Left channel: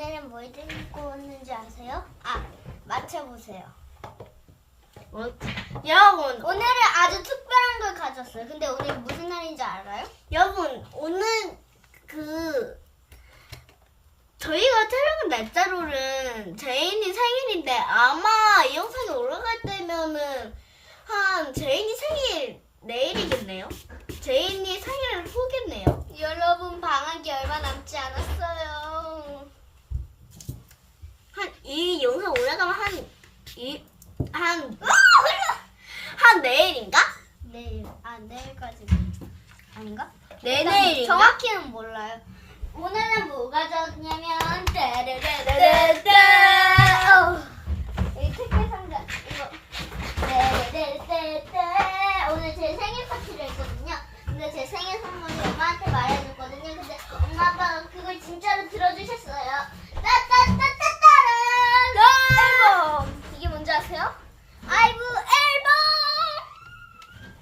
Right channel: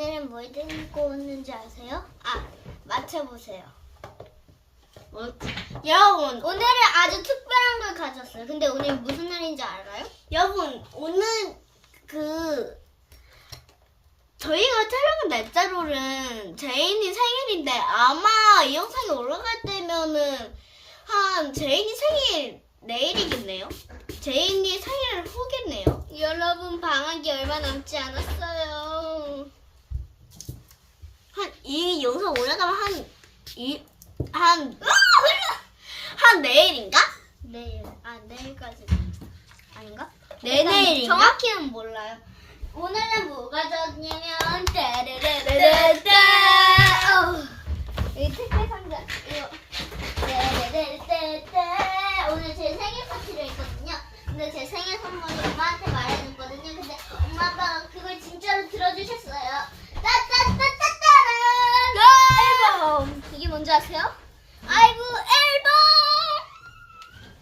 오늘은 뭘 들고 오는지 아세요? 아, 맞춰보세요. 뭐, 여러분, 오늘은 아주 특별한 걸 가졌어요. 근데 오늘 무슨 날인지 알아요? 여러분, 오늘 그, 저희가 촬영한 날짜로는 제인이 생일인데 아마 이 영상이 올라갈 때면은 한 제인이 생일 내일이겠네요? 제인이 생일 후겠네요. 여러분 방학이 얼마 남지 않았어요. 한, 이 영상 올라가면 한, 이, 한, 한 내일인가? 내일, 아 내일까지 아닌가? 내내일인가? 정확히는 몰라요. 오늘은 뭐가 졌냐면 따라라라라따. 어, 이 특별 상자 이거 따라라라따. 오늘 제 생일 파티를 했거든요. 근데 제 생일 선물이 엄마한테 말해줬거든요. 근데 엄마 아빠가 그걸 진짜로 들어주셨어요. 따따따따따란 앨범 이게 뭔지 아세요? 아이브 앨범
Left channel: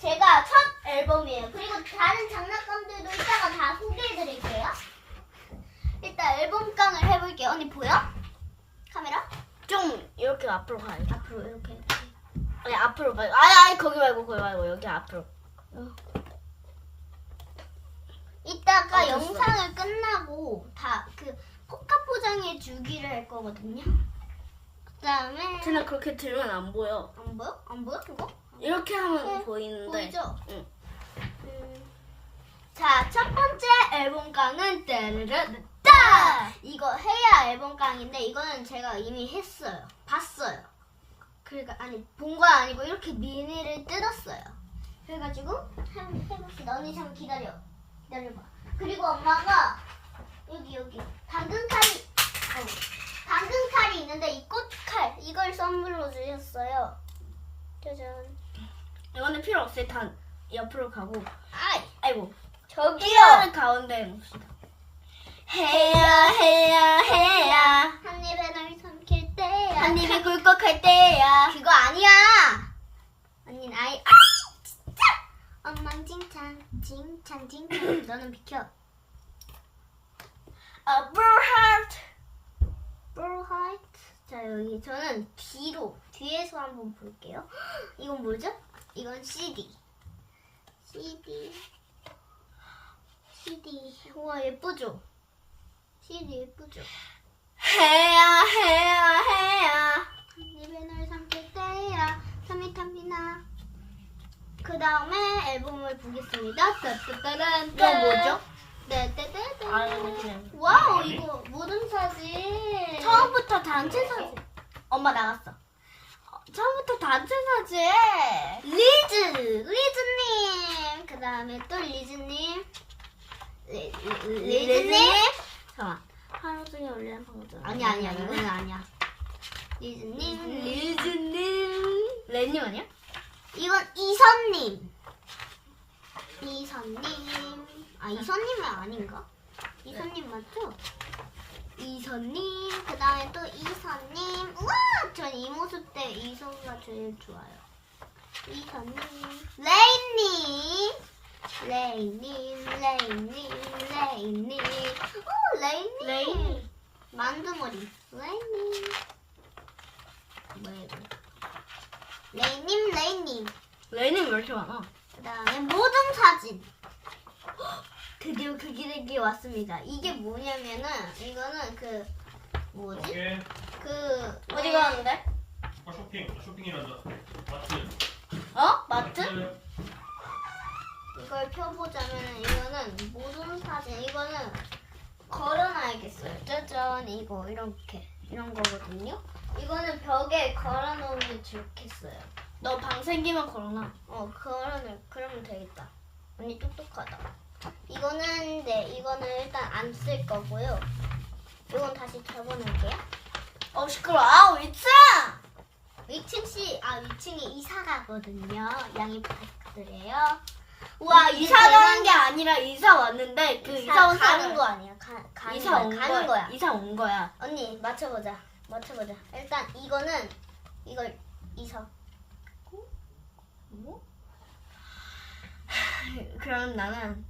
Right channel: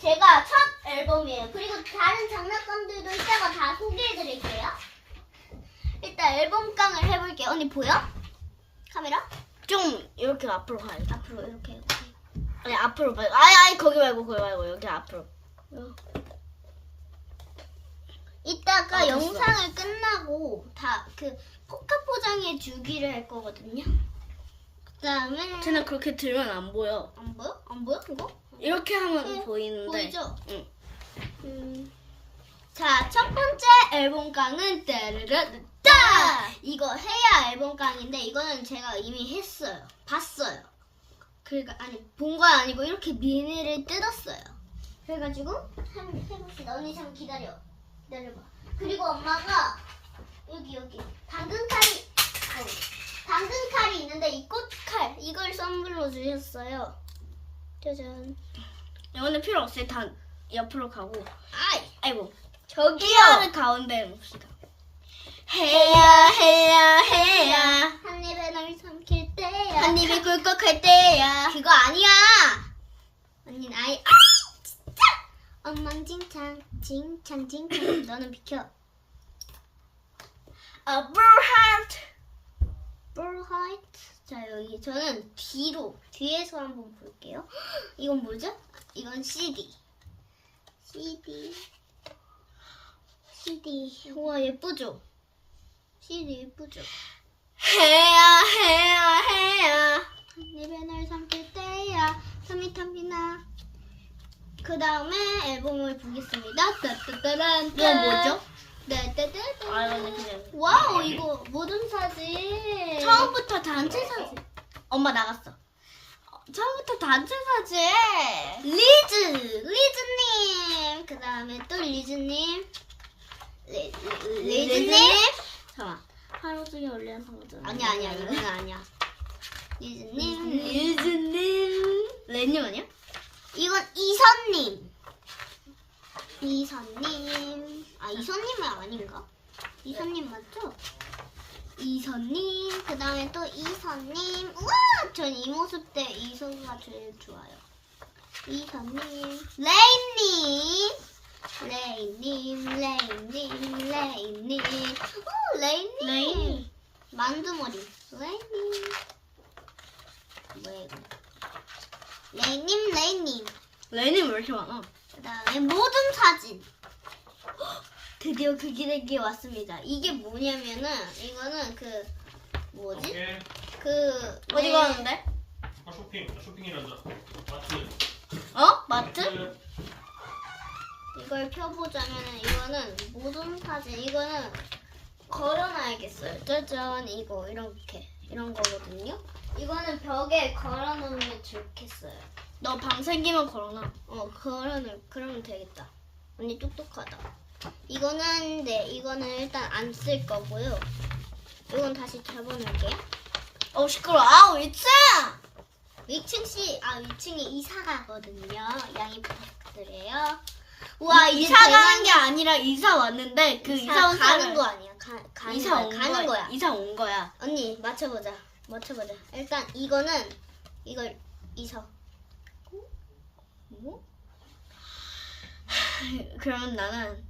제가 첫 앨범이에요. 그리고 다른 장난감들도 이따가 다 소개해드릴게요. 일단 앨범깡을 해볼게요. 언니 보여? 카메라? 좀 이렇게 앞으로 가야지. 앞으로 이렇게. 이렇게. 아니 앞으로 말고 아니 아니 거기 말고 거기 말고 여기 앞으로 이따가 아, 됐어. 영상을 끝나고 다 그 포장해 주기를 할 거거든요. 그다음에 그냥 그렇게 들면 안 보여 안 보여? 안 보여 그거? 이렇게 하면 네, 보이는데 보이죠? 응. 음. 자, 첫 번째 앨범깡은 따르르따 이거 해야 앨범깡인데 이거는 제가 이미 했어요. 봤어요. 그러니까 아니 본 거 아니고 이렇게 미니를 뜯었어요. 그래가지고 해봅시다. 언니 잠깐 기다려. 기다려봐. 그리고 엄마가 여기 여기 당근 칼이 어, 당근 칼이 있는데 이 꽃칼 이걸 선물로 주셨어요. 짜잔. 이거는 필요 없어요 다 옆으로 가고 아이 아이고 저기요. 가운데 놓읍시다 해야 해야 해야 한 입에 널 삼킬 때야. 한 입이 꿀꺽할 때야 그거 아니야. 언니는 아이 아이 진짜. 엉망진창 칭찬 칭찬. 너는 비켜. A blue heart 브로하이트. 자 여기 저는 뒤로 뒤에서 한번 볼게요. 이건 뭐죠? 이건 CD. CD. CD. 우와 예쁘죠? CD 예쁘죠? 해야 해야 해야 널 삼킬 때야 탐이 탐이나 그 다음에 앨범을 보겠습니다 따따따란 이거 뭐죠? 따따따따 아 이거는 그냥 와우 이거 모든 사진. 처음부터 단체 사진. 엄마 나갔어. 어, 처음부터 단체 사진. 리즈 리즈님. 그 다음에 또 리즈님. 리, 리, 리즈님? 잠깐 하루 중에 올리는 방송 아니 야 아니야 이거는 아니야. 리즈님. 리즈님. 레님 아니야? 이건 이선님. 이선님. 아, 이선님은 아닌가? 이선님 맞죠? 이선님. 그 다음에 또 이선님. 우와! 전 이 모습 때 이선가 제일 좋아요. 이선님. 레인님. 레인님, 레인님, 레인님. 오, 레인님. 레인. 만두머리. 레인님. 뭐야, 이거. 레인님, 레인님. 레님 왜 이렇게 많아? 그 다음에 모든 사진. 헉, 드디어 그 기대기 왔습니다. 이게 뭐냐면은 이거는 그 뭐지? 오케이. 그 어디 가는데? 아, 쇼핑. 쇼핑이라죠. 마트. 어? 마트? 이걸 펴보자면은 이거는 모든 사진. 이거는 걸어놔야겠어요. 짜잔 이거 이렇게 이런 거거든요. 이거는 벽에 걸어놓으면 좋겠어요. 너 방 생기면 걸어놔 어, 그러면 그러면 되겠다. 언니 똑똑하다. 이거는 네, 이거는 일단 안 쓸 거고요. 이건 다시 접어놓을게요. 어 시끄러 아우 위층 위층 씨, 아 위층에 이사 가거든요. 양해 부탁드려요. 우와, 이사 가는 게 아니라 이사 왔는데 그 이사, 온 가는 사람 거 아니야? 가, 가는 이사 거야. 온 가는 거야. 거야. 이사 온 거야 언니 맞춰보자. 맞춰보자. 일단 이거는 이걸 이사. 뭐? 그러면 나는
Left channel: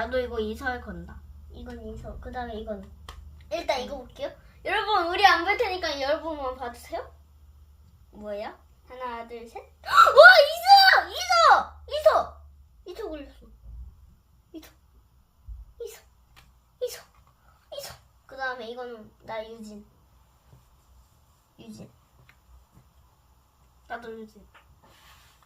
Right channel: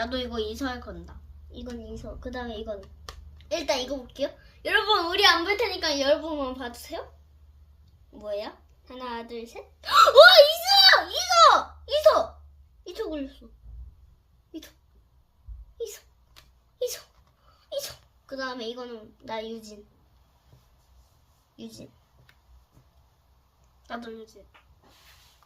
나도 이거 이사에 건다 이건 이사. 그 다음에 이건 일단 이거 볼게요. 여러분 우리 안 볼 테니까 여러분만 봐주세요. 뭐야? 하나 둘 셋. 와 이서 이서 이서 이서 걸렸어. 이서 이서 이서 이서. 그 다음에 이거는 나 유진. 유진. 나도 요즘.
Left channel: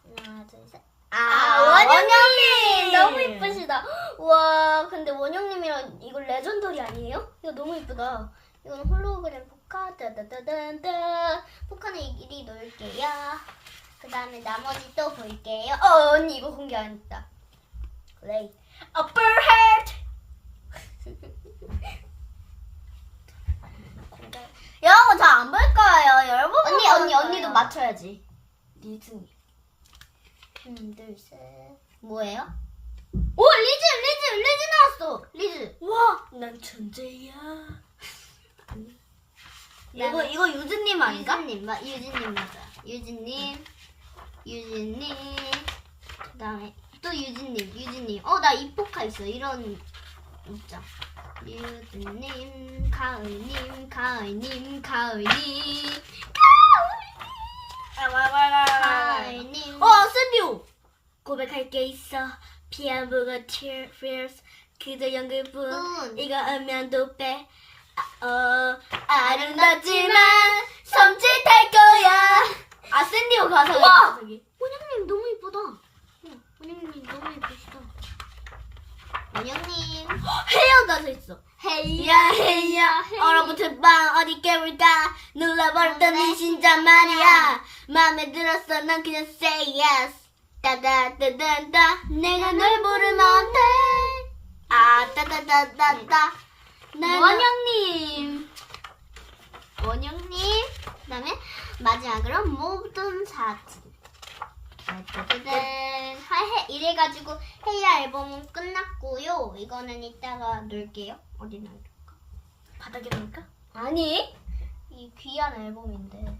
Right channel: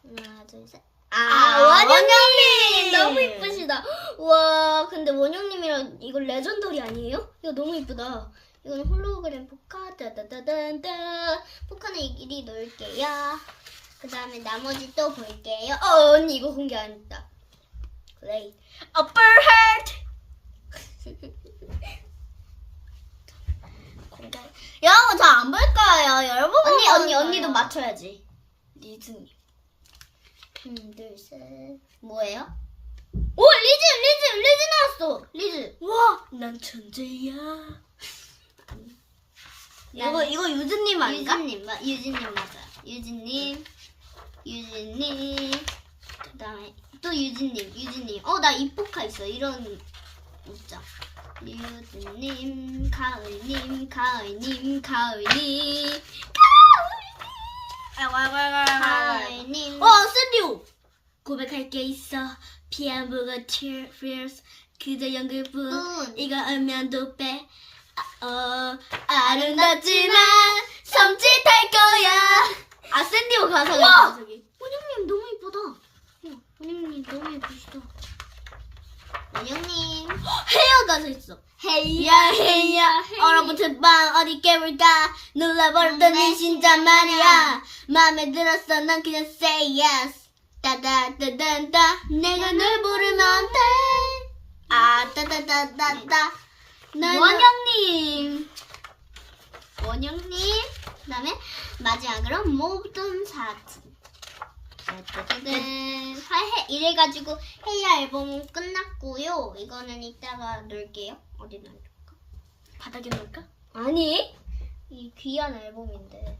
하나 둘 셋. 아, 아, 원영님! 너무 이쁘시다. 와, 근데 원영님이랑 이거 레전더리 아니에요? 이거 너무 이쁘다. 이건 홀로그램 포카 따다다단다. 포카는 이리 넣을게요. 그 다음에 나머지 또 볼게요. 어, 언니 이거 공개 안 했다. 그래. upper heart. 여러분 저안 볼 거예요. 여러분 언니, 언니, 언니도 맞춰야지. 리즈니. 하나, 둘, 셋. 뭐예요? 오, 리즈, 리즈, 리즈 나왔어. 리즈. 와, 난 천재야. 이거 이거 유즈님 아닌가? 유진님, 마, 유진님 맞아. 유진님, 유진님. 그다음에 또 유진님, 유진님. 어, 나 이포카 있어. 이런 있자. 유진님, 가을님, 가을님, 가을님. 가을님. 어, 샌디오. 고백할 게 있어. 피아노가 tears 그저 연극뿐. 뿐. 이거 음면도 빼. 아, 어, 아름답지만 섬찟할 거야. 아, 샌디오 가사가 와! 있어, 저기. 원영님 너무 이쁘다. 어, 원영님 너무 이쁘시다. 원영님. 헤어 가사 있어. 헤이야, 헤이야 밤 어디 깨울까 눌러버렸던 네 심장 말이야 마음에 들었어 난 그냥 say yes 따다따단따 내가 널 부르면 돼 아 따다따따따 나는 원영님. 원영님. 그 다음에 마지막으로 모든 사진. 짜자잔. 해 이래가지고 헤이야 앨범 끝났고요. 이거는 이따가 놓을게요. 어디 놓을까? 바닥에 놓을까? 아니. 이 귀한 앨범인데.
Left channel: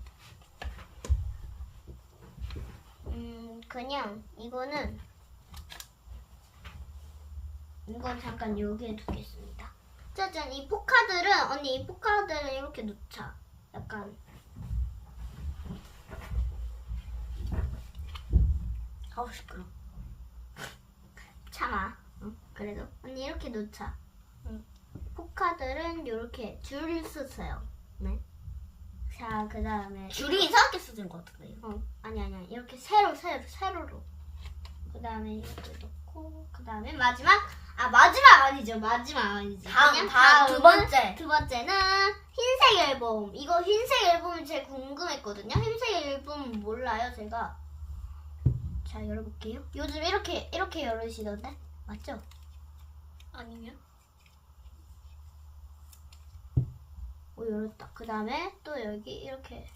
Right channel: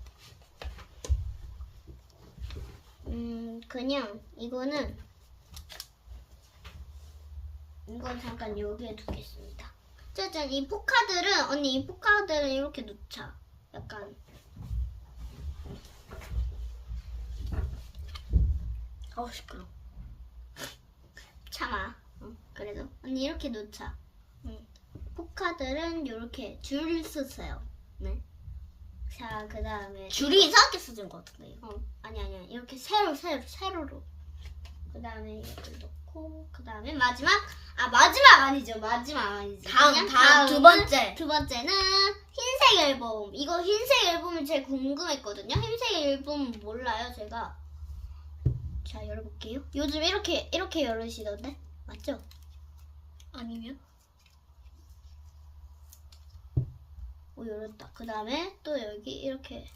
음 그냥 이거는 이건 잠깐 여기에 두겠습니다. 짜잔 이 포카들은 언니 이 포카들은 이렇게 놓자. 약간 아우 시끄러 참아. 응, 그래도 언니 이렇게 놓자. 응. 포카들은 이렇게 줄 쓰세요. 네. 자, 그 다음에 줄이 이상하게 써진 것 같은데 어, 아니 아니야. 이렇게 세로 세로 세로로. 그 다음에 이것도 넣고 그 다음에 마지막 아 마지막 아니죠. 마지막 아니지. 다음 그냥 다음 두 번째 두 번째는 흰색 앨범. 이거 흰색 앨범이 제일 궁금했거든요. 흰색 앨범 몰라요, 제가. 자, 열어볼게요. 요즘 이렇게 이렇게 열으시던데 맞죠? 아니면 오 열었다. 그 다음에 또 여기 이렇게.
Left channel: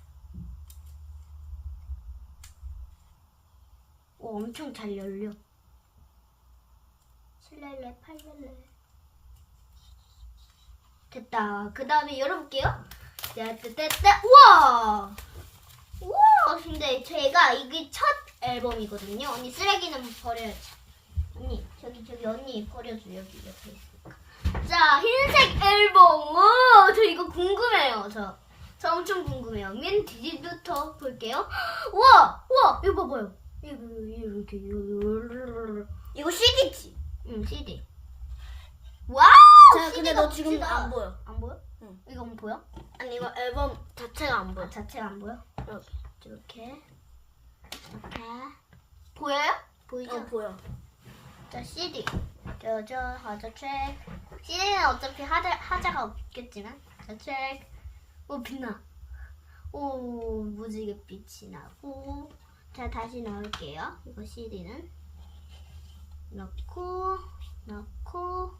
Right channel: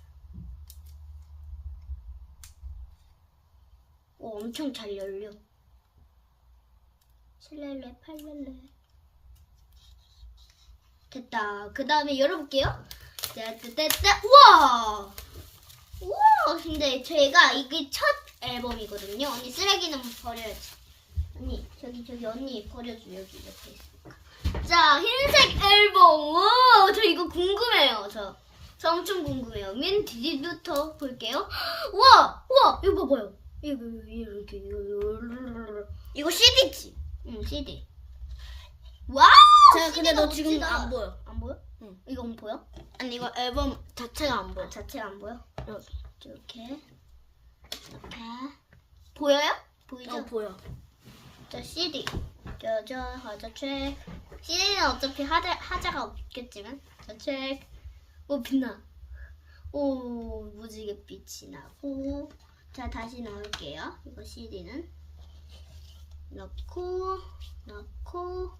오 엄청 잘 열려. 7렐레 8렐레 됐다. 그 다음에 열어볼게요. 짜짜짜짜 우와 우와 근데 제가 이게 첫 앨범이거든요. 언니 쓰레기는 버려야지. 언니 저기 저기 언니 버려줘 여기 옆에 있으니까. 자 흰색 앨범 오 저 이거 궁금해요 저. 저 엄청 궁금해요. 맨 뒤부터 볼게요. 우와 우와 이거 봐봐요. 이거 이렇게 이거 이거 CD지 응 CD. 와우. 자 근데 너가 지금. 안 보여 안 보여? 응. 이건 보여? 아니 이거 앨범 자체가 안 보여 아, 자체가 안 보여? 응. 이렇게 이렇게 보여요? 보이죠? 어 보여 자 CD 저저 하자 책 CD는 어차피 하자, 하자가 없겠지만. 자책 오 빛나. 오 무지개 빛이 나고. 자 다시 넣을게요. 이거 CD는. 넣고 넣고.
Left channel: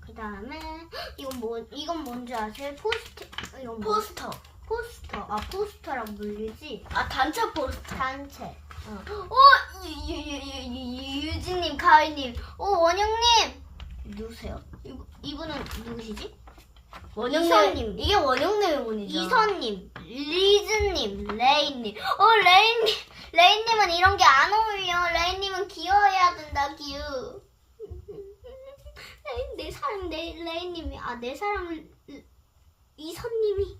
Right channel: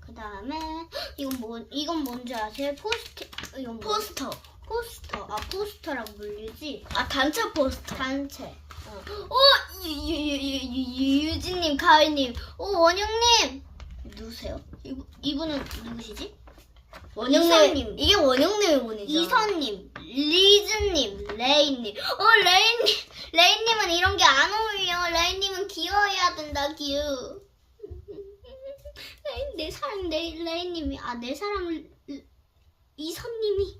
그 다음에 이건 뭐 이건 뭔지 아세요? 포스트 이건 뭐? 포스터. 포스터. 아 포스터랑 물리지? 아 단체 포스터. 단체. 응. 어, 유, 유, 유, 유, 유, 유진님, 가을님, 오 원영님 누구세요? 이분, 이분은 누구시지? 원영님. 이게 원영님 의원이죠 이선님, 리즈님, 레이님. 어 레이님, 레이님은 이런 게 안 어울려. 레이님은 귀여워야 된다, 귀여. 레이 내 사랑 내 레이님이 아 내 사랑 이선님이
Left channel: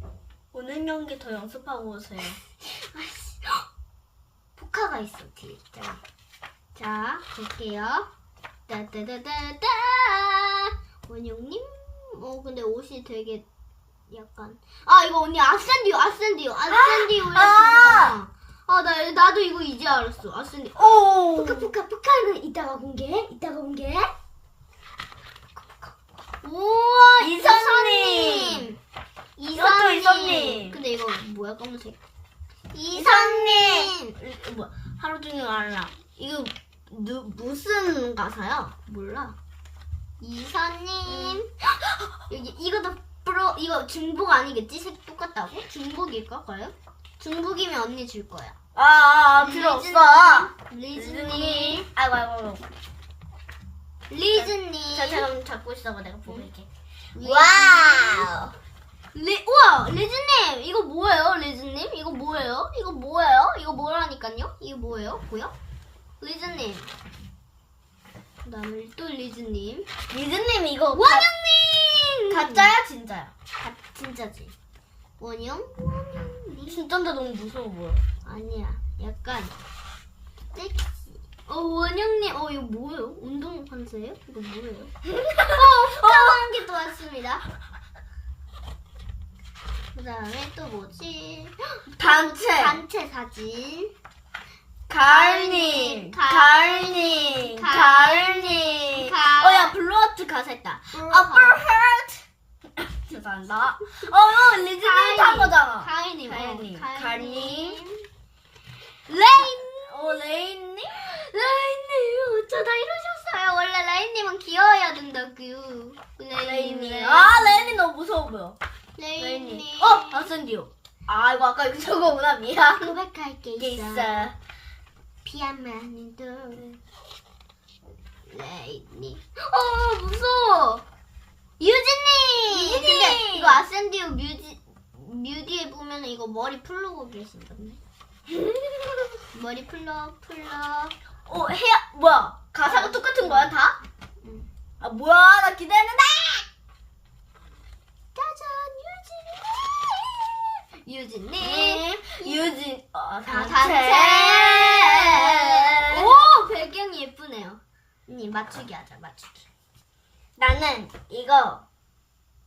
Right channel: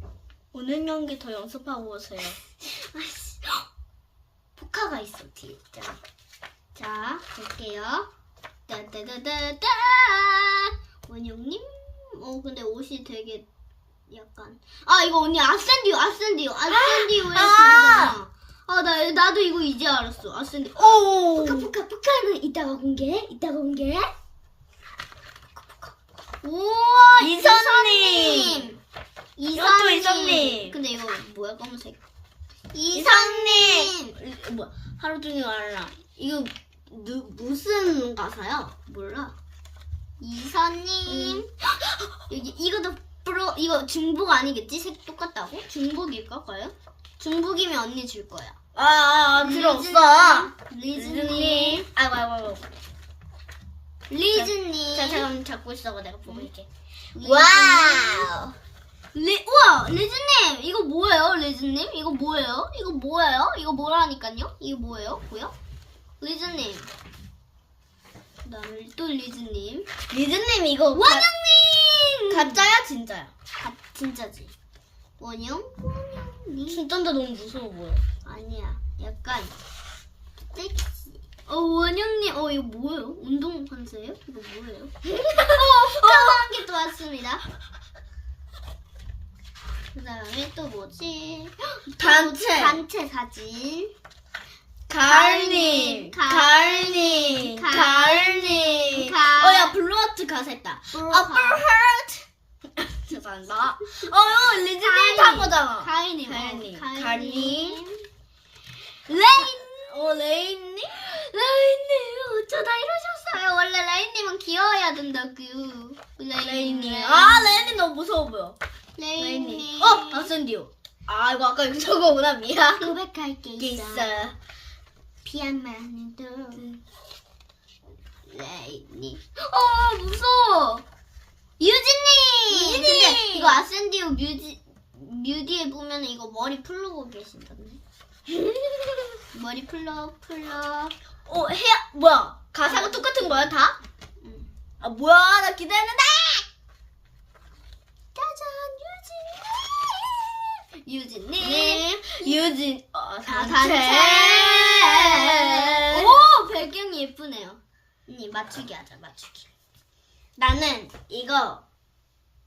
오는 연기 더 연습하고 오세요. 아이씨. 포카가 있어 뒤에. 자, 자 볼게요. 따따따따따. 원영님. 어 근데 옷이 되게 약간. 아 이거 언니 아센디오 아센디오 아센디오의 아! 아 나 나도 이거 이제 알았어. 아센디. 오! 포카 포카 포카는 이따가 공개. 이따가 공개. 우와 이선님. 이것도 이선님. 근데 이거 뭐야 검은색. 이선님! 뭐, 하루 종일 알아. 이거 누, 무슨 가사야? 몰라. 이선님. 여기 이것도 프로 이거 중복 아니겠지? 색 똑같다고? 중복일까 과연? 중복이면 언니 줄 거야. 아, 아, 아 없어. 리즈님. 아이고, 아이고, 아이고. 리즈님. 자, 잠깐 잡고 있어봐. 내가 보고. 리즈님. 와우! 리, 우와 리즈님 이거 뭐예요 리즈님 이거 뭐예요 이거 뭐예요 이거 뭐라니까요 이거 뭐예요 뭐야 리즈님. 그다음에 또 리즈님. 리즈님 이거 가, 원영님! 가짜야, 진짜야? 가, 진짜지. 원영? 원영님. 진짜인데 너무 무서워 보여. 아니야. 약간 섹시. 어 원영님. 어 이거 뭐예요? 운동 판세예요? 이거 뭐예요? 어 후카한 게또 왔습니다. 그다음에 또 뭐지? 단체. 단체 사진 가을님, 가을님, 가- 가을님. 가- 어, 야, 블루아트 가사 있다. 어플하트. 죄송합니다. 어, 어, 리즈님 탄 거잖아. 가인님. 어, 가인님. 레인 어, 레인님? 레인님 어쩌다 이러셨어요 원래 레인님은 귀여워야 된다고 레인님. 아, 레인님 너무 무서워 보여. 레인님. 어, 아센디오. 아, 이거 아까 이거 저거구나. 미안. 고백할 게 있어 있어. 피아마는 도 레인님 어 무서워 유진님 유진님! 근데 이거 아센디오 뮤지 뮤디에 보면 이거 머리 풀르고 계신다네 머리 풀러 풀러 어, 해야, 뭐야. 가사가 똑같은 거야, 다? 응. 아, 뭐야. 나 기다렸는데! 짜잔 유진님 유진님 네. 유진. 어, 아, 단체. 오 배경이 예쁘네요. 언니 맞추기 하자 맞추기. 나는 이거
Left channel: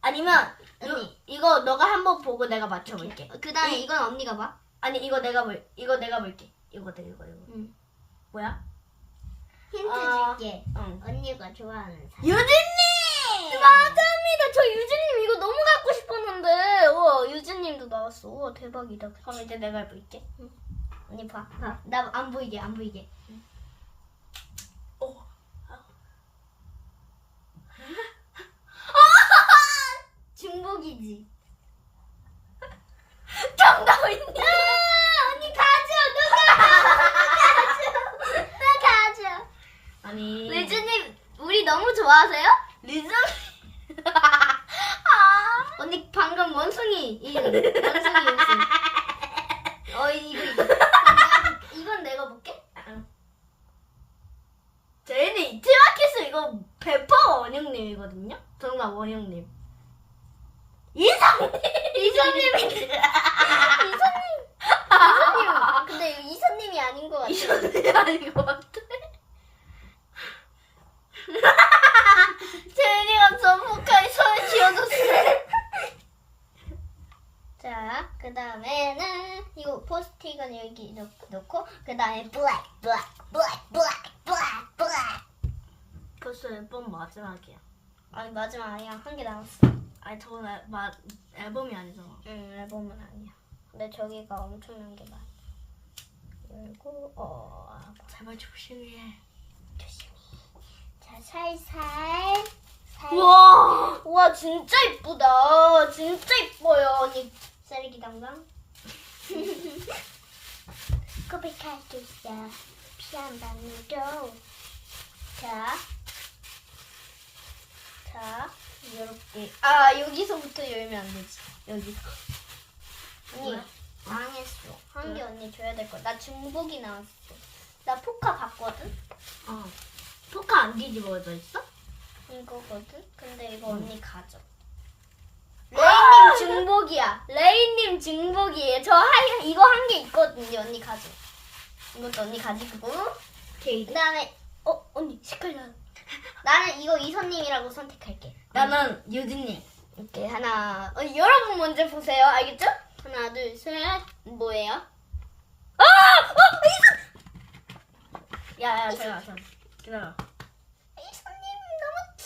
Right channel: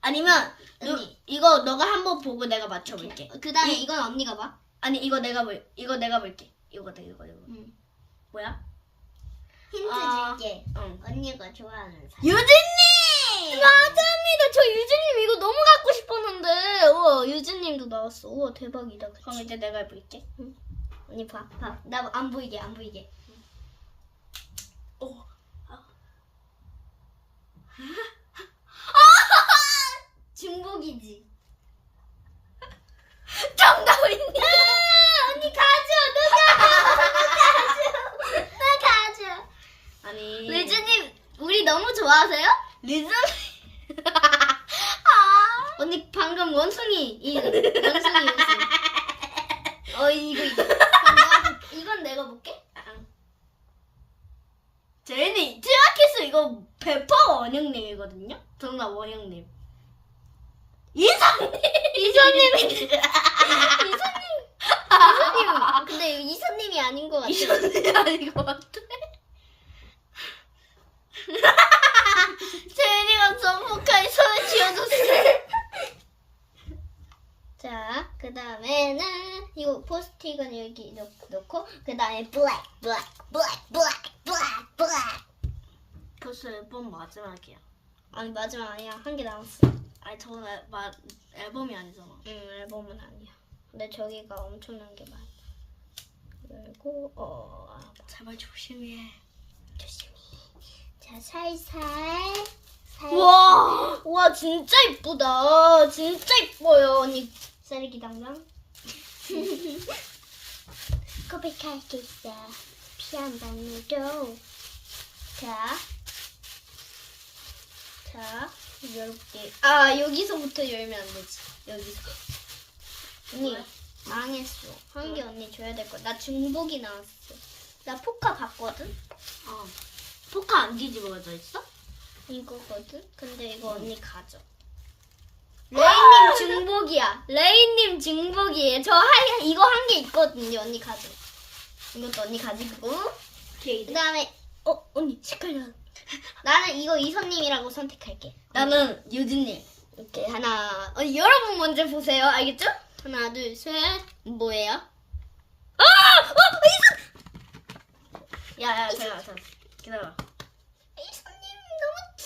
아니면 누- 언니. 이거 너가 한번 보고 내가 맞춰볼게. 그 다음에 이- 이건 언니가 봐. 아니 이거 내가 볼 이거 내가 볼게. 이거 내 이거 이거 응. 뭐야? 힌트 아. 줄게. 응. 언니가 좋아하는 사람. 유진님. 맞습니다. 저 유진님 이거 너무 갖고 싶었는데. 우와 유진님도 나왔어. 우와 대박이다. 그치? 그럼 이제 내가 해볼게. 언니 봐. 봐. 나 안 보이게 안 보이게. 오. 중복이지. 정답이냐? 아, 언니 가져. 누가 가져. 나 가져. 아니 리즈님 우리 너무 좋아하세요? 리즈. 언니 방금 원숭이 이 원숭이 원숭이. 어 이거 이거. 그럼 내가 볼- 이건 내가 볼게. 제인이 트라키스 이거 100% 원영님이거든요. 정말 원영님. 이상님. 이선님이 이선님 이선님. 근데 이거 이선님이 아닌 것 같아. 이선님이 아닌 것 같아. 제인이가 전복하게 손을 쥐어줬어. 자, 그 다음에는 이거 포스틱은 여기 넣- 넣고 그 다음에 블랙, 블랙, 블랙, 블랙, 블랙, 블랙. 벌써 앨범 마지막이야. 아니 마지막 아니야 한 개 남았어. 아니 저건 앨, 마, 앨범이 아니잖아. 응, 앨범은 아니야. 근데 저기가 엄청난 게 많아. 열고 어 제발 조심히 해. 조심히. 자, 살살. 살. 와, 와 진짜 이쁘다. 진짜 이뻐요. 언니 쌀기 담당. 고백할 게 있어. 피한 방울도. 자. 자, 이렇게. 아, 여기서부터 열면 안 되지. 여기서. 언니, 왜? 망했어. 한개 왜? 언니 줘야 될 거야. 나 중복이 나왔어. 나 포카 봤거든? 어. 포카 안 뒤집어져 있어? 이거거든? 근데 이거 응. 언니 가져. 와! 레이님 중복이야. 레이님 중복이에요. 저 한, 이거 한 개 있거든요. 언니 가져. 이것도 언니 가지고. 그 다음에 어 언니 색깔 나. 나는 이거 이선님이라고 선택할게. 나는 유진님. 이렇게 하나. 어, 여러분 먼저 보세요. 알겠죠? 하나, 둘, 셋. 뭐예요? 아! 어, 이선! 야, 야, 잠깐, 잠깐. 기다려.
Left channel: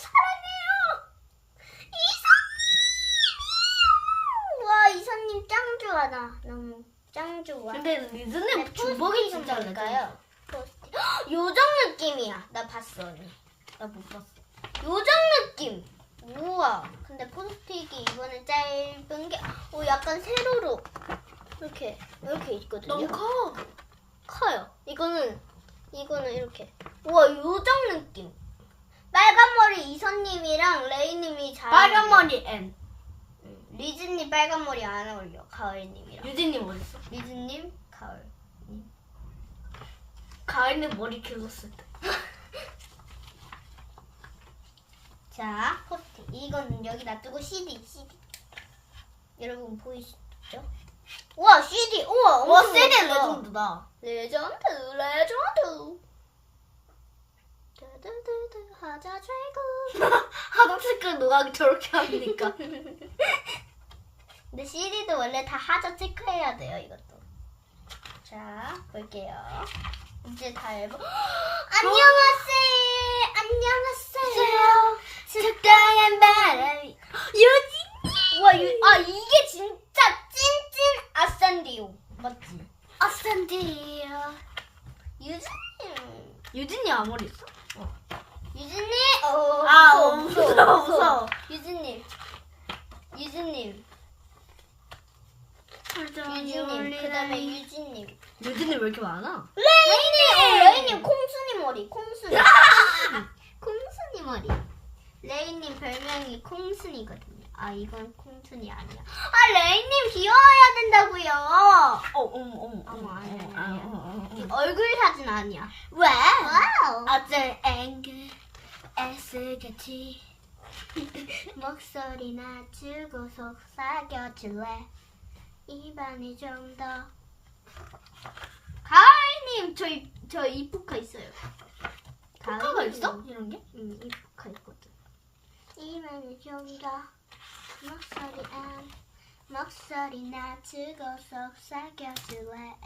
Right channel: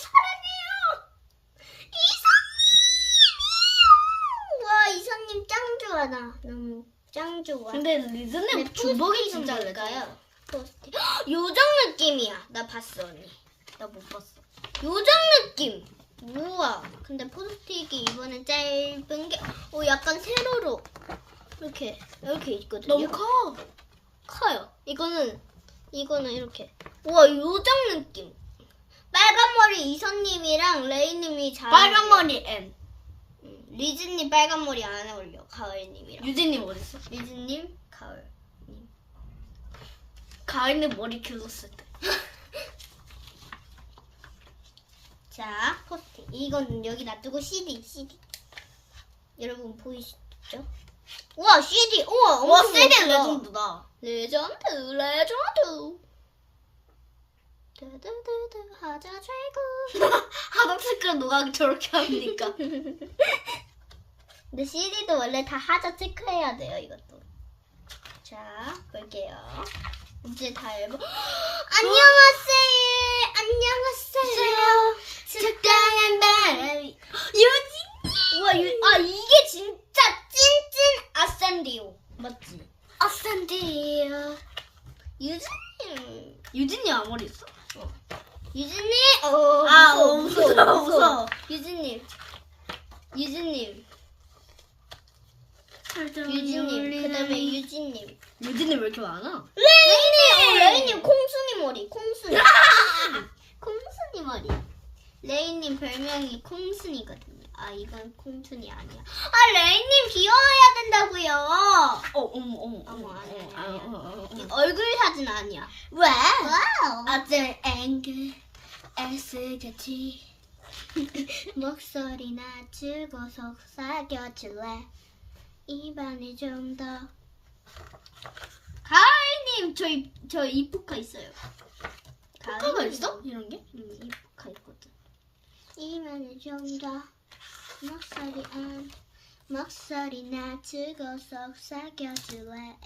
사랑해요. 이선님. 와 이선님 짱 좋아 나 너무 짱 좋아. 근데 리즈님 주복이 진짜? 레전드. 포스트. 요정 느낌이야. 나 봤어 언니. 나 못 봤어. 요정 느낌. 우와. 근데 포스트잇이 이번엔 짧은 게, 어 약간 세로로 이렇게 이렇게 있거든요. 너무 커. 커요. 이거는 이거는 이렇게. 우와 요정 느낌. 빨간 머리 이선님이랑 레이님이 잘. 빨간 머리 N. 음, 리즈님 빨간 머리 안 어울려. 가을님이랑. 유진님 어디 있어? 리즈님 가을. 가을님 머리 길었을 때. 자 포스트. 이거는 여기 놔두고 CD CD. 여러분 보이시죠? 우와 CD. 우와 와, 엄청. 레전드다. 레전드 레전드. 두두두두 하자 최고. 색깔 노각이 저렇게 합니까? 근데 CD도 원래 다 하자 체크해야 돼요, 이것도. 자, 볼게요. 이제 다 앨범. 안녕하세요. 안녕하세요. 특강한 바람이. 유진이. 와, 유, 아, 이게 진짜 찐찐 아산디오. 맞지? 아산디요. 유진님. 유진이 아무리 있어? 유진님. 어, 아, 무서워, 어, 무서워, 무서워. 유진님. 유진님. 유진님. 그 다음에 유진님. 유진이 왜 이렇게 많아? 레이님! 어, 레이님 콩순이 머리, 콩순이. 콩순이 머리. 레이님 별명이 콩순이거든요. 아, 이건 콩순이 아니야. 아, 레이님 귀여워야 된다고요. 어, 어머, 어머, 어머, 아니야. 얼굴 사진 아니야. 왜? 와우. 어쩔 앵글 애쓰겠지. 목소리 낮추고 속삭여줄래? 입안이 좀 더. 가을님, 저, 이, 저 이포카 있어요. 포카가 가을님. 있어? 이런 게? 응, 이포카 있거든. 입안이 좀 더. 목소리 안. 목소리 낮추고 속삭여줄래?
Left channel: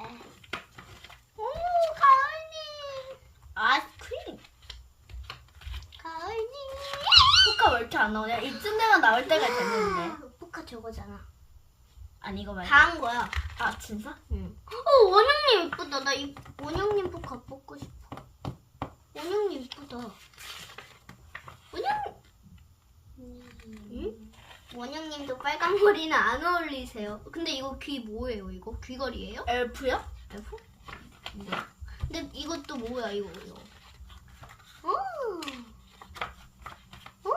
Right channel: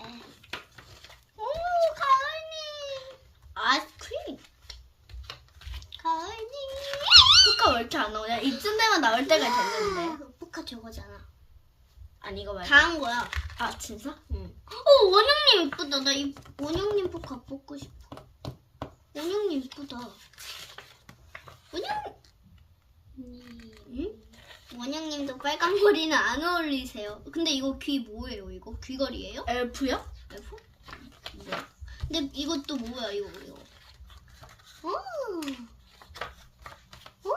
오, 가을님. 아이스크림. 가을님. 포카 왜 이렇게 안 나오냐? 이쯤 되면 나올 때가 됐는데. 포카 저거잖아. 아니 이거 말고. 다 한 거야. 아 진짜? 응. 어, 원영님 예쁘다. 나 이 원영님 포카 뽑고 싶어. 원영님 예쁘다. 원영. 응? 원영님도 빨간 머리는 안 어울리세요. 근데 이거 귀 뭐예요? 이거 귀걸이에요? 엘프요? F? 뭐야? 근데 이것도 뭐야 이거 이거. 오. 오.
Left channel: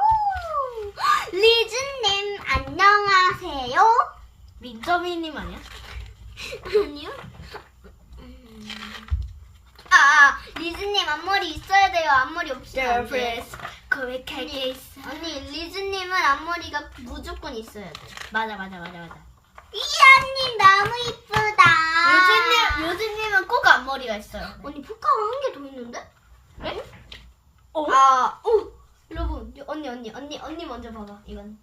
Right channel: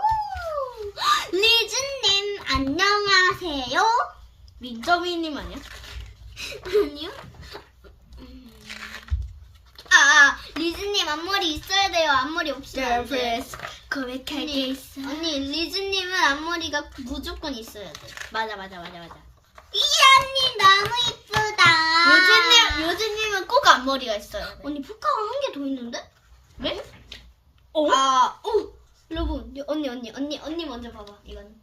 리즈님 안녕하세요. 민저미님 아니야? 아니요. 아, 아, 리즈님 앞머리 있어야 돼요. 앞머리 없으면 안 돼. Girlfriends 고백할 게 있어. 언니, 리즈님은 앞머리가 무조건 있어야 돼. 맞아 맞아 맞아 맞아. 이 언니 너무 이쁘다. 유진님 유진님은 꼭 앞머리가 있어요. 언니 포카가 한 개 더 있는데? 네? 어? 아, 오, 여러분, 여- 언니, 언니, 언니, 언니 먼저 봐봐. 이건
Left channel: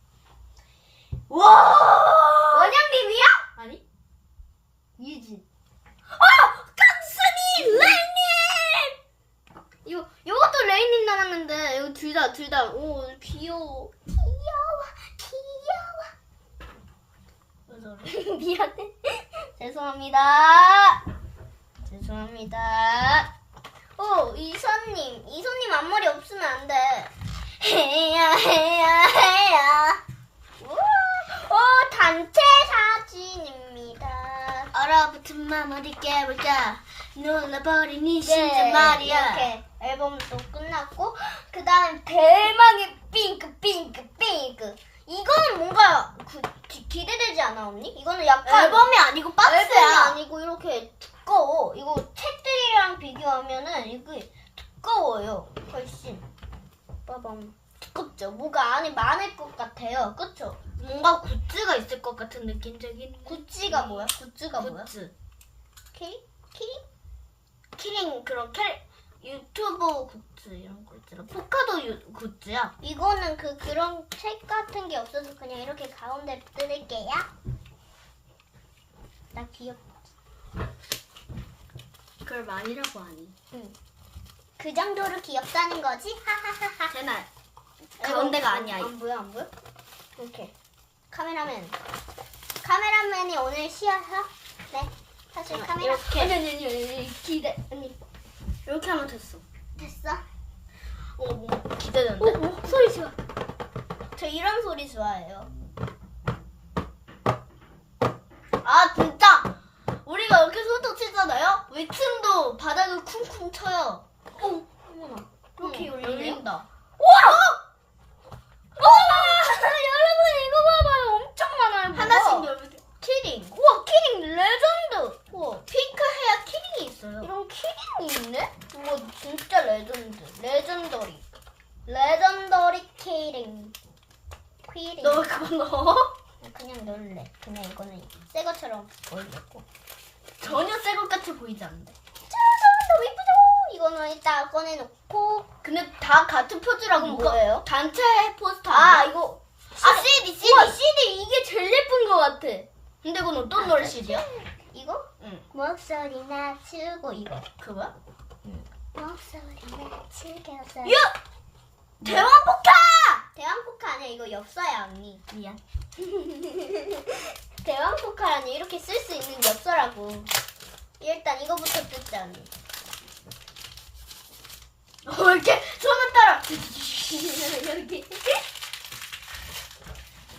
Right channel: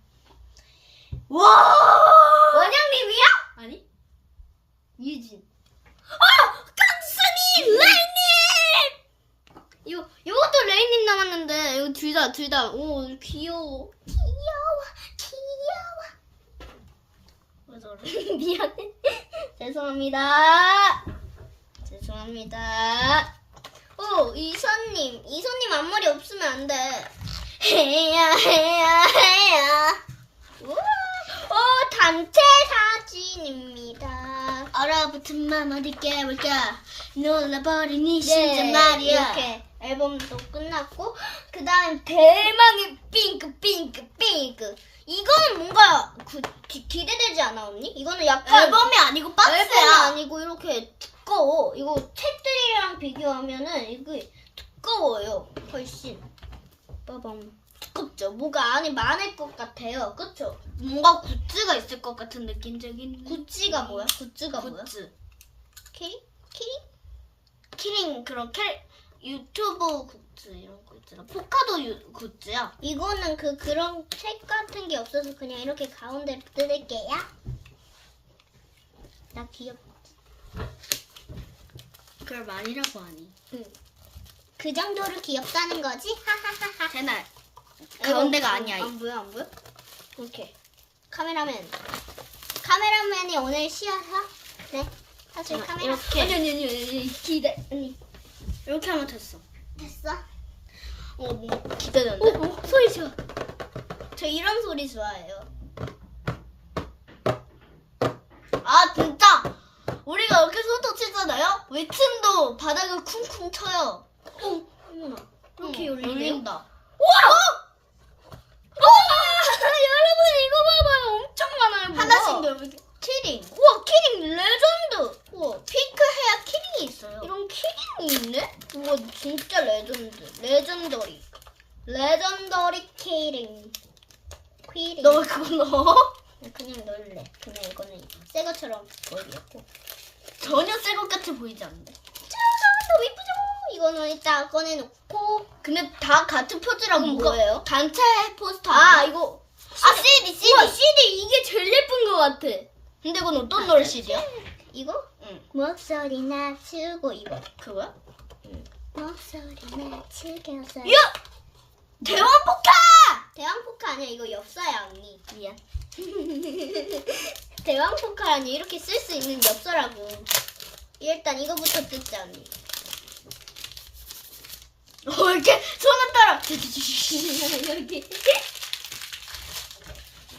와! 원영님이야? 아니, 유진. 어, 강순이 레이님. 이것도 레이님 나왔는데 이거 둘 다 둘 다 오 귀여워. 귀여워, 귀여워. 미안해. 죄송합니다. 죄송합니다. 오, 이선님. 이선님 앞머리 없으면 안 돼. 해야, 해야, 해야. 오, 오 단체 사진입니다. 얼어붙은 맘 어디 깨볼까? 놀라버린 이 심장 말이야. 네, 이렇게 앨범도 끝났고, 그 다음 대망의 핑크, 핑크, 핑크. 이거는 뭔가 그, 기, 기대되지 않아, 언니? 이거는 약간. 앨범이 아니고 앨범이 박스야. 아니고 이렇게 두꺼워. 이거 책들이랑 비교하면은 이게 두꺼워요. 훨씬. 빠밤. 두껍죠. 뭐가 안에 많을 것 같아요. 그쵸? 뭔가 굿즈가 있을 것 같은 느낌적인. 구찌가 뭐야? 구찌가 뭐야? 굿즈. 키링? 키링? 키링 그런 캐 유튜브 굿즈 이런 거 있잖아. 포카도 유, 굿즈야. 이거는 그 그런 책 같은 게 없어서 그냥 이렇게 가운데 뜯을게요. 나 귀엽. 그걸 많이라고 하니. 그 정도로 귀엽다는 거지? 하하하하. 제날. 그런 데가 아니야. 안 보여 안 보여? 이렇게 카메라맨. 카메라맨이 오늘 쉬어서 네. 사실 카메라 이렇게. 아니 아니 아니 아니 기대 아니 이렇게 하면 됐어. 됐어. 어, 뭐 기대되는데? 오, 오 소리 좋아. 저 이런 소리 좋아해요. 아 진짜 우리가 이렇게 소도 치잖아요. 위층도 바닥을 쿵쿵 쳐요. 오 어머나 이렇게 응, 열리네요. 열린다. 와! 여러분 이거 봐봐요 엄청 많아요. 뭐가. 하나씩 열면 키링. 우와 키링 레전드. 우와 핑크 헤어 키링이 있어요. 이런 키링이 있네? 우와 진짜 레전드. 레전더리. 레전더리 키링. 키링. 너 왜 그거 넣어? 그냥 넣을래. 그냥 이거는 새 것처럼 보이겠고. 전혀 새 것 같이 보이지 않는데. 짠! 너무 이쁘죠? 이거는 이따 꺼내놓고. 근데 다 같은 뭐가- 뭐예요? 단체 포스터. 이거 아 CD CD. 우와 CD 이게 제일 예쁜 것 같아. 근데 이건 어떤 노래 CD야? 이거? 응. 목소리 낮추고 이거. 그거야? 목소리 낮추겨서. 야! 대왕 포카! 대왕 포카 아니야 이거 엽서야 언니. 미안. 대왕 포카라니 이렇게 쓸 수 있는 엽서라고. 일단 이거부터 뜯자 언니. 어, 왜 이렇게 손을 따라. 여기.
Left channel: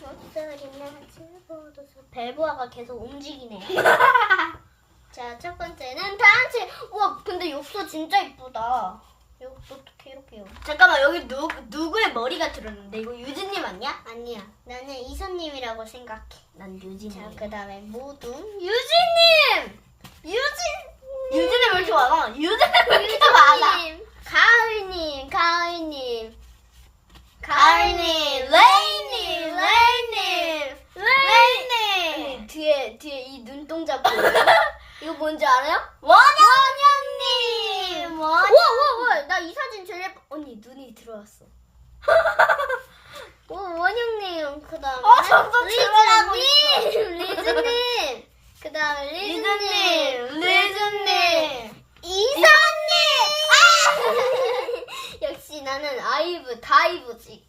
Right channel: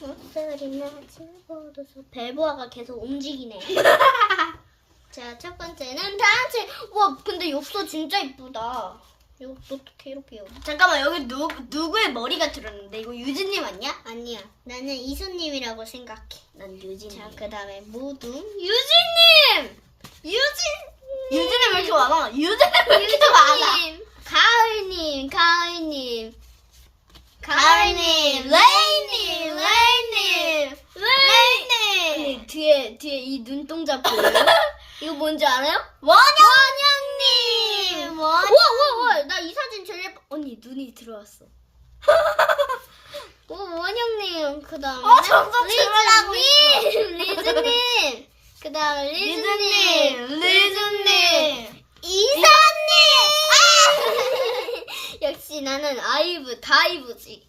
목소리 낮추고도 벨보아가 계속 움직이네. 자, 첫 번째는 단체. 와, 근데 엽서 진짜 이쁘다. 엽서 어떻게 이렇게 엽 잠깐만 여기 누 누구의 머리가 들었는데 이거 유진님 아니야? 아니야. 나는 이수님이라고 생각해. 난 유진. 자, 그 다음에 모두 유진님! 유진! 유진이 왜 이렇게 많아? 유진이 왜 이렇게 많아? 가을님, 가을님. 가을님, 레이님, 레이님, 레이님. 아니, 뒤에, 뒤에 이 눈동자 보여요? 이거 뭔지 알아요? 원영님, 와, 원. 와, 와, 나 이 사진 제일 예뻐. 언니, 눈이 들어왔어. 오, 원영님, 그 다음에. 어, 점점 리즈님, 리즈님. 그 다음, 리즈님. 리즈님, 리즈님. 이사님! 역시 나는 아이브, 다이브지.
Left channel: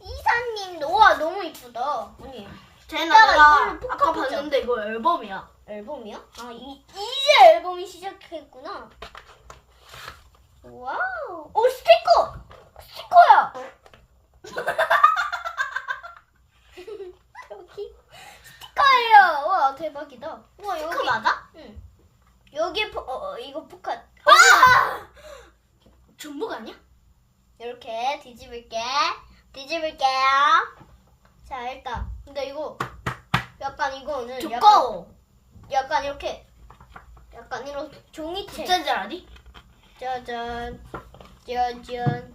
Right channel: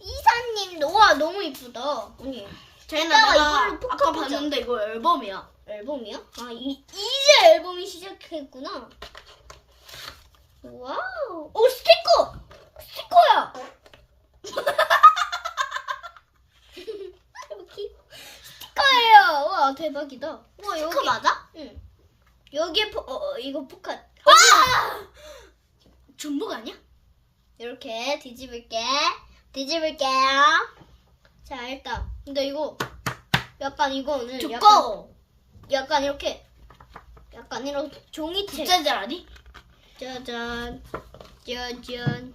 이사님도, 와, 너무 이쁘다. 언니. 제나 내가 이걸로 포카 아까 보자. 봤는데 이거 앨범이야. 앨범이요? 아, 이, 이제 앨범이 시작했구나. 와우. 오, 스티커! 스티커야! 여기 스티커예요. 와, 대박이다. 와, 여기. 스티커 맞아? 응. 여기에 포, 어, 어, 이거 포카. 와! 중복 아니야? 이렇게 뒤집을게. 뒤집을게요. 자, 일단. 근데 이거 약간 이거는 약간, 두꺼워. 약간 이렇게 약간 이런 종이책. 부채질 아니? 짜잔. 짜잔.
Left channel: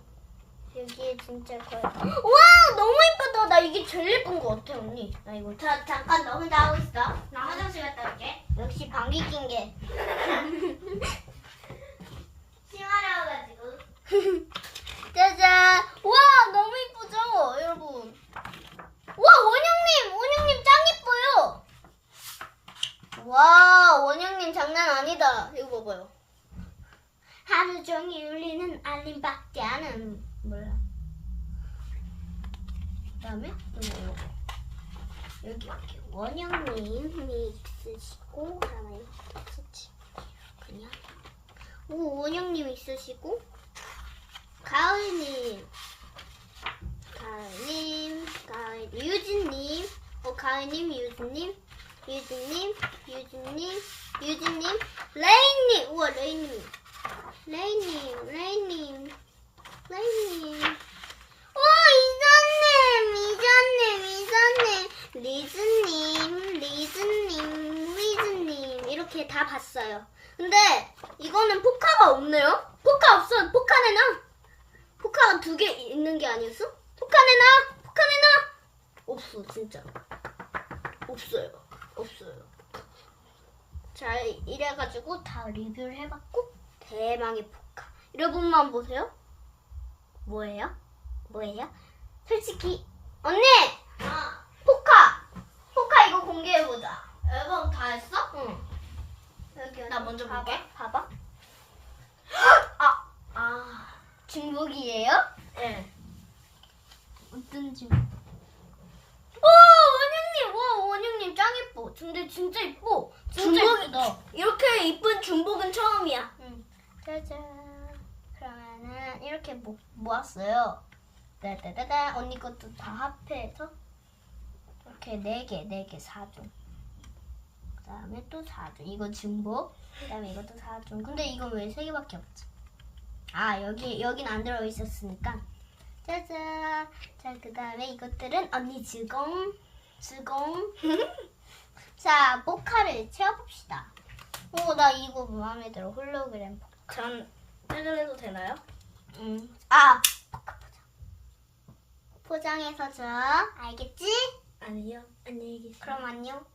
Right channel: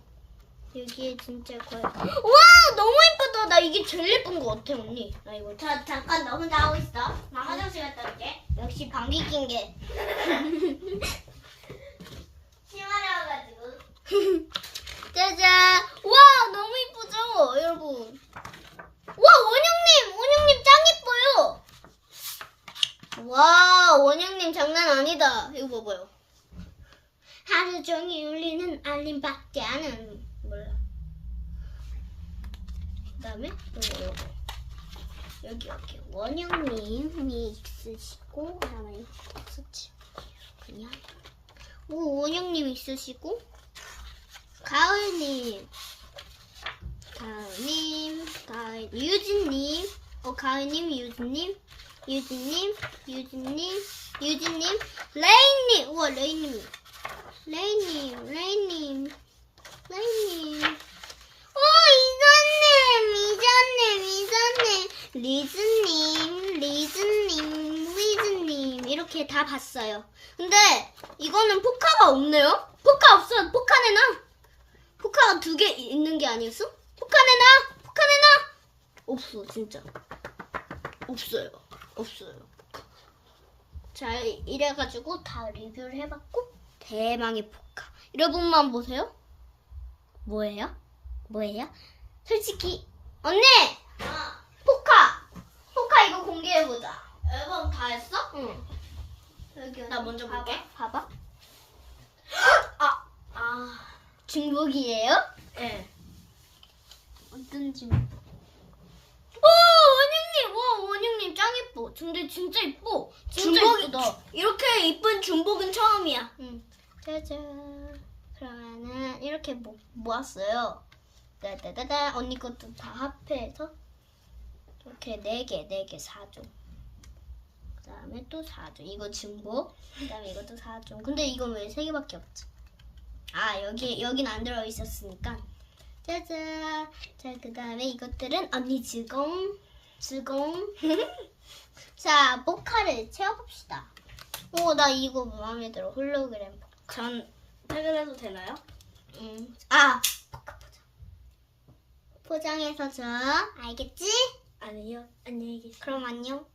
여기 진짜 거의. 와, 너무 예쁘다. 나 이게 제일 예쁜 것 같아, 언니. 나 이거 자 잠깐 너 혼자 하고 있어. 나 화장실 갔다 올게. 역시 방귀 낀 게. 심하려가지고. 짜잔. 와, 너무 예쁘죠, 여러분. 와, 원영님, 원영님 짱 예뻐요. 와, 원영님 장난 아니다. 이거 봐봐요. 하루 종일 울리는 알림밖에 안 몰라. 그다음에 또 뭐? 여기 여기. 원영님이 있으시고 그다음에 썼지. 그냥. 오 원영님 있으시고. 가을님, 가을님, 가을 유진님, 어 가을님, 유진님, 유진님, 유진님, 유진님, 레인님, 우와 레인님, 레인님, 레인님, 레인님. 어 이사님, 이사님, 이사님, 리즈님, 리즈님, 리즈님 이렇게 다 봤어요. 근데 이거는 포카가 없네요. 포카 없어. 포카는 나. 포카가 두 개 있는 게 아니었어? 포카 내놔! 포카 내놔! 없어 진짜. 없어요. 없어요. 자, 이래가지고 다 리뷰를 해봤고 대망의 포카. 여러분만 보세요. 뭐예요? 뭐예요? 솔직히 언니 아, 포카 포카 이거 공개해 보자. 앨범 다 했어? 응. 여기 나 먼저 봐봐, 볼게. 봐봐. 아, 아, 중복이에요? 예. 어떤 중복? 와 원영님, 와 원영님 짱 예뻐. 근데 진짜 예뻐. 진짜 중복이- 예쁘다. 이렇게 이쁜 중복은 처음이야. 응. 짜잔. 그러면은 이렇게 모, 모았어요. 따다다다. 언니 것도 다 합해서 이렇게 네 개, 네 개, 4종. 그다음에 또 4종. 이거 중복. 그다음에 이것도 4종. 근데 이건 왜 세 개밖에 없지? 아 여기 여긴 안 들어 있었으니까. 짜잔. 자 그다음에 이것들은 언니 즐거움, 즐거움. 자 모카를 채워봅시다. 오 나 이거 마음에 들어 홀로그램. 전 퇴근해도 되나요? 음. 아. 포장해서 줘. 알겠지? 아니요. 안녕히 계세요. 그럼 안녕.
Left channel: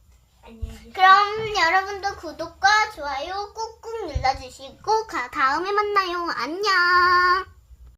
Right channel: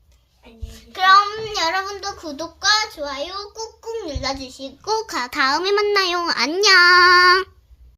안녕히 계세요. 그럼 여러분도 구독과 좋아요 꾹꾹 눌러주시고 가- 다음에 만나요. 안녕.